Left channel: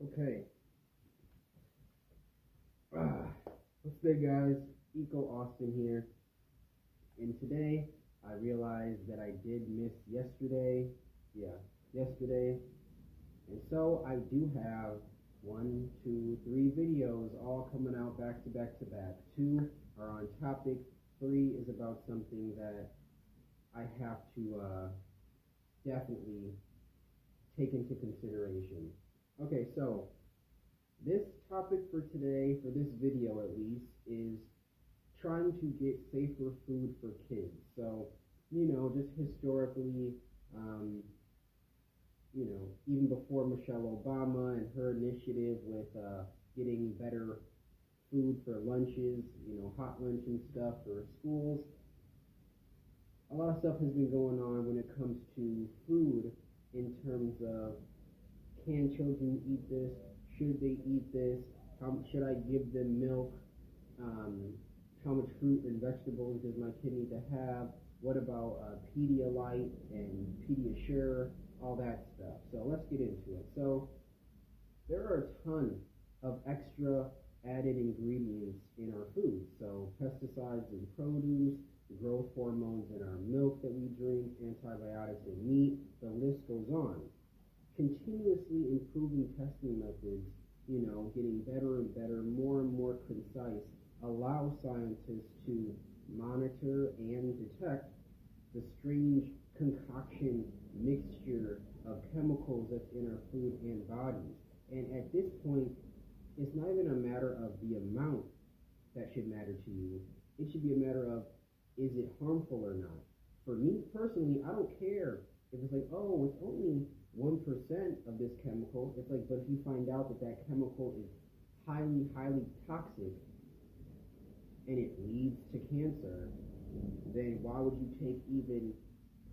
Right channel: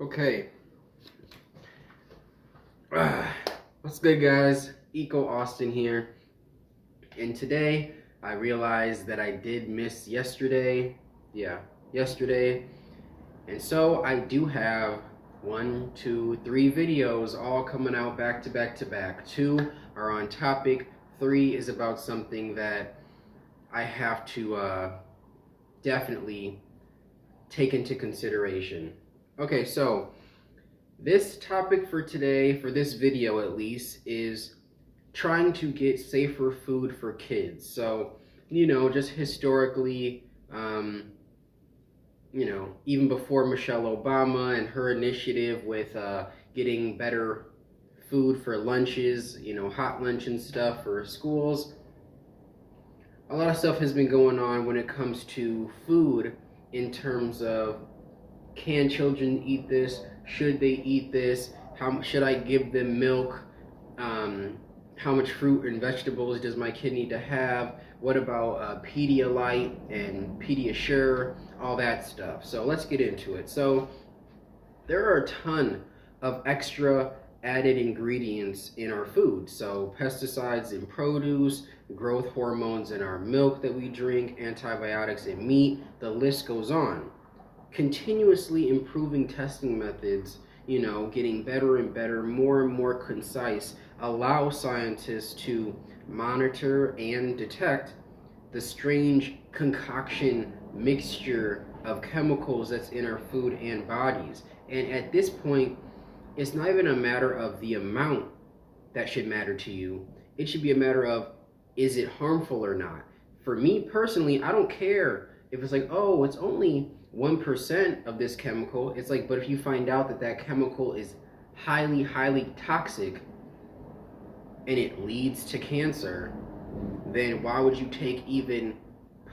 Okay. What's good, guys? Eco Austin here. And today I realized that I did miss yesterday. Yeah, yesterday. And so I do have one, two, three videos all coming out back to back to back. Two are on topic, three is about something that I have to definitely take into consideration. Okay, so this topic for today, for this video at least, is trying to get safer food for kids. So, just historically, um, even before Michelle Obama and her initiative with getting better food for lunches, hot lunch and stuff for schools, a lot of stuff has been going on when it comes to food in terms of, can children eat this? Should they eat this? How should I give them milk? Um, how much fruit and vegetables does my kid need to have? What about Pedialyte and Pediasure? All that stuff. So let's get into it. So there are a ton of extra added ingredients in our food. So pesticides in produce, growth hormones in our milk that we drink, antibiotics in meat, the list goes on. Continuously improving testing methods, getting better and better, more and more concise, allow scientists to monitor and detect the strange concoction mixture of chemicals that's in our food and bodies. And at this point, it's not even a matter of the amount that should matter to you. It should be a matter of, is it harmful or not? For me personally, I don't care if it's like, oh, it's only 1% of this chemical. It's like, but if you find out that that chemical is highly, highly toxic and it leads to cancer, then why would you take even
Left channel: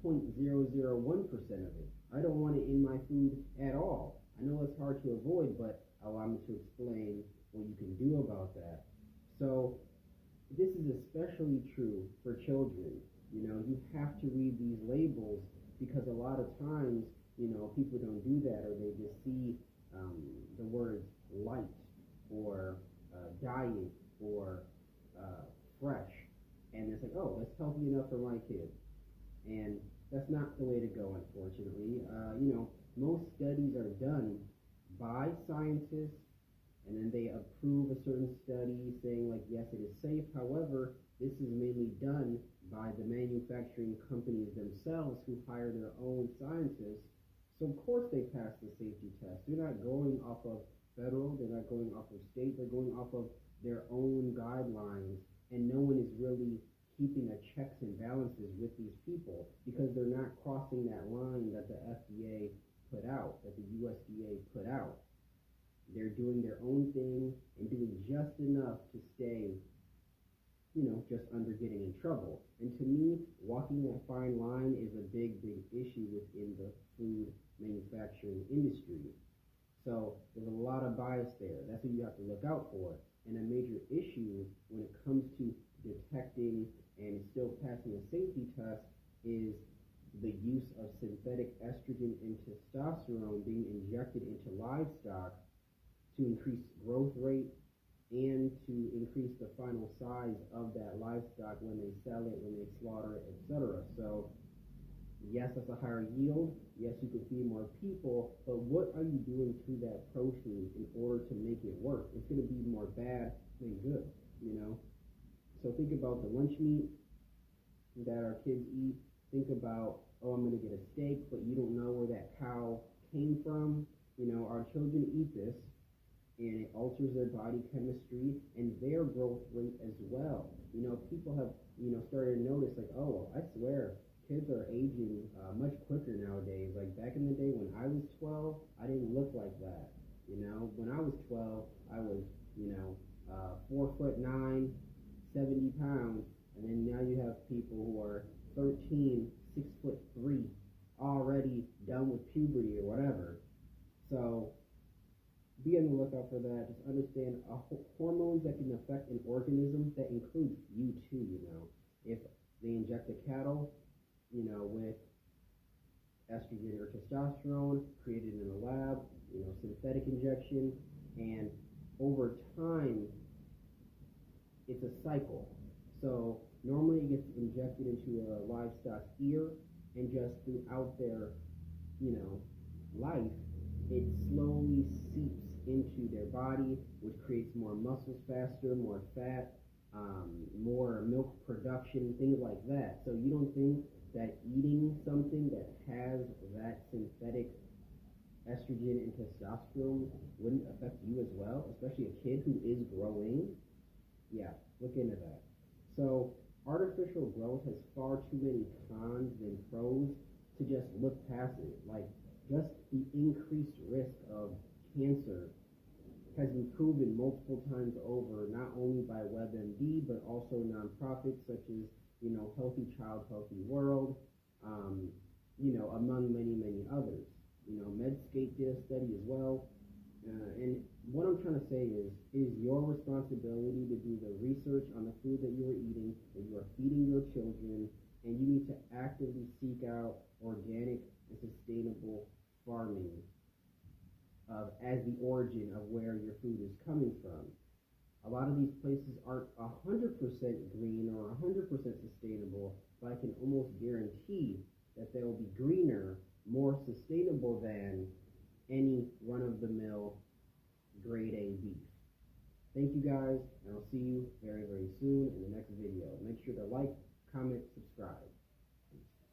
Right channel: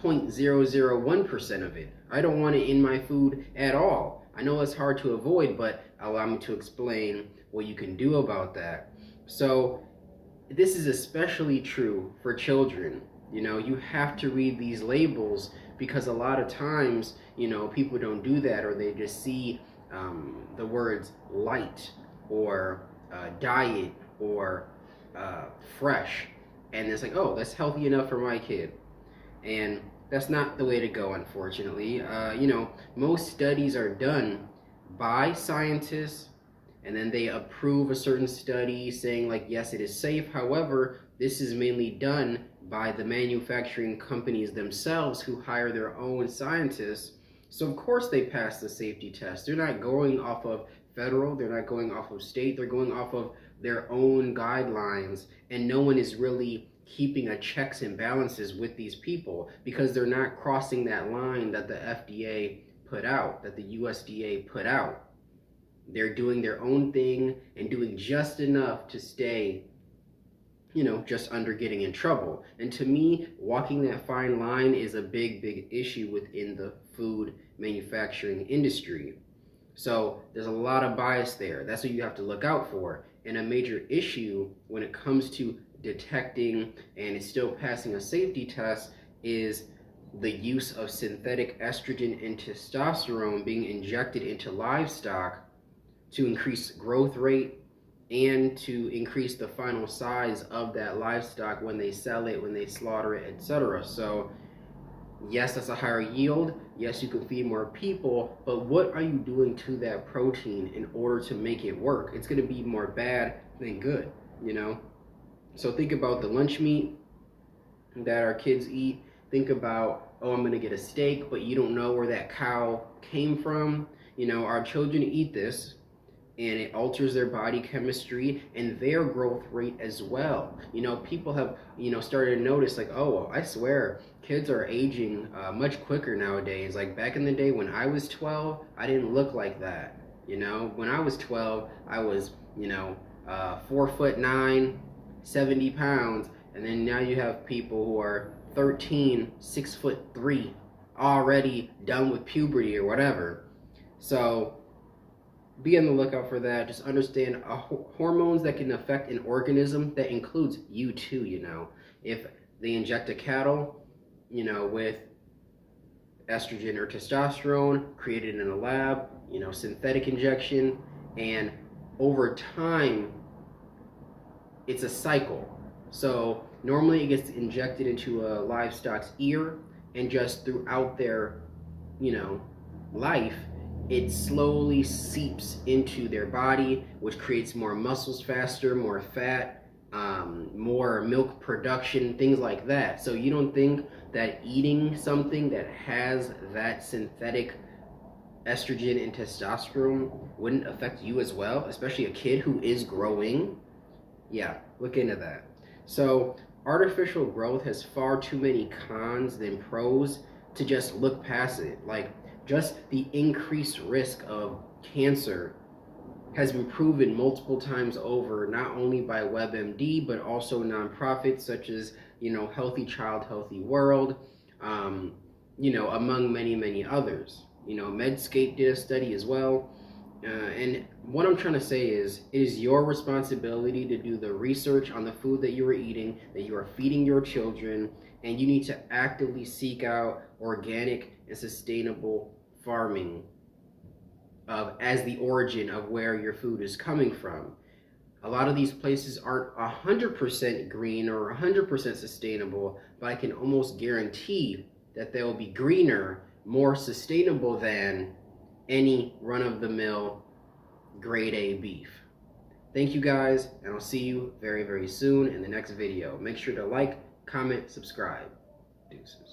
0.001% of it? I don't want it in my food at all. I know it's hard to avoid, but allow me to explain what you can do about that. So this is especially true for children. You have to read these labels because a lot of times, people don't do that, or they just see the words light or diet or fresh, and it's like, oh, that's healthy enough for my kid. And that's not the way to go, unfortunately. Most studies are done by scientists, and then they approve a certain study saying, like, yes, it is safe. However, this is mainly done by the manufacturing companies themselves, who hire their own scientists. So of course they pass the safety test. They're not going off of federal, they're not going off of state, they're going off of their own guidelines, and no one is really keeping a checks and balances with these people because they're not crossing that line that the FDA put out, that the USDA put out. They're doing their own thing and doing just enough to stay, just under getting in trouble. And to me, walking that fine line is a big, big issue within the food manufacturing industry. So there's a lot of bias there. That's what you have to look out for. And a major issue when it comes to detecting and it's still passing a safety test is the use of synthetic estrogen and testosterone being injected into livestock to increase growth rate and to increase the final size of that livestock when they sell it, when they slaughter it, etc. So yes, that's a higher yield. Yes, you can feed more people, but what are you doing to that protein in order to make it work? It's going to be more bad than good. So think about the lunch meat that our kids eat. Think about, oh, I'm going to get a steak, but you don't know where that cow came from. Our children eat this, and it alters their body chemistry and their growth rate as well. People have, started to notice, like, oh, I swear, kids are aging much quicker nowadays. Like back in the day when I was 12, I didn't look like that. When I was 12, I was, 4'9", 70 pounds, and then now you have people who are 13, 6'3", already done with puberty or whatever. So be on the lookout for that. Just understand hormones that can affect an organism, that includes you too. If they inject a cattle, with estrogen or testosterone created in a lab, synthetic injection, and over time, it's a cycle. So normally it gets injected into a livestock's ear, and just throughout their, you know, life, it slowly seeps into their body, which creates more muscles faster, more fat, more milk production, things like that. So you don't think that eating something that has that synthetic estrogen and testosterone wouldn't affect you as well, especially a kid who is growing? Yeah, look into that. So, artificial growth has far too many cons than pros to just look past it. Like, just the increased risk of cancer has been proven multiple times over, not only by WebMD, but also nonprofits such as, Healthy Child, Healthy World, um, among many, many others. Medscape did a study as well. And what I'm trying to say is, it is your responsibility to do the research on the food that you are eating, that you are feeding your children, and you need to actively seek out organic and sustainable farming as the origin of where your food is coming from. A lot of these places aren't 100% green or 100% sustainable, but I can almost guarantee that they will be greener, more sustainable than any run-of-the-mill grade A beef. Thank you guys, and I'll see you very, very soon in the next video. Make sure to like, comment, subscribe. Deuces.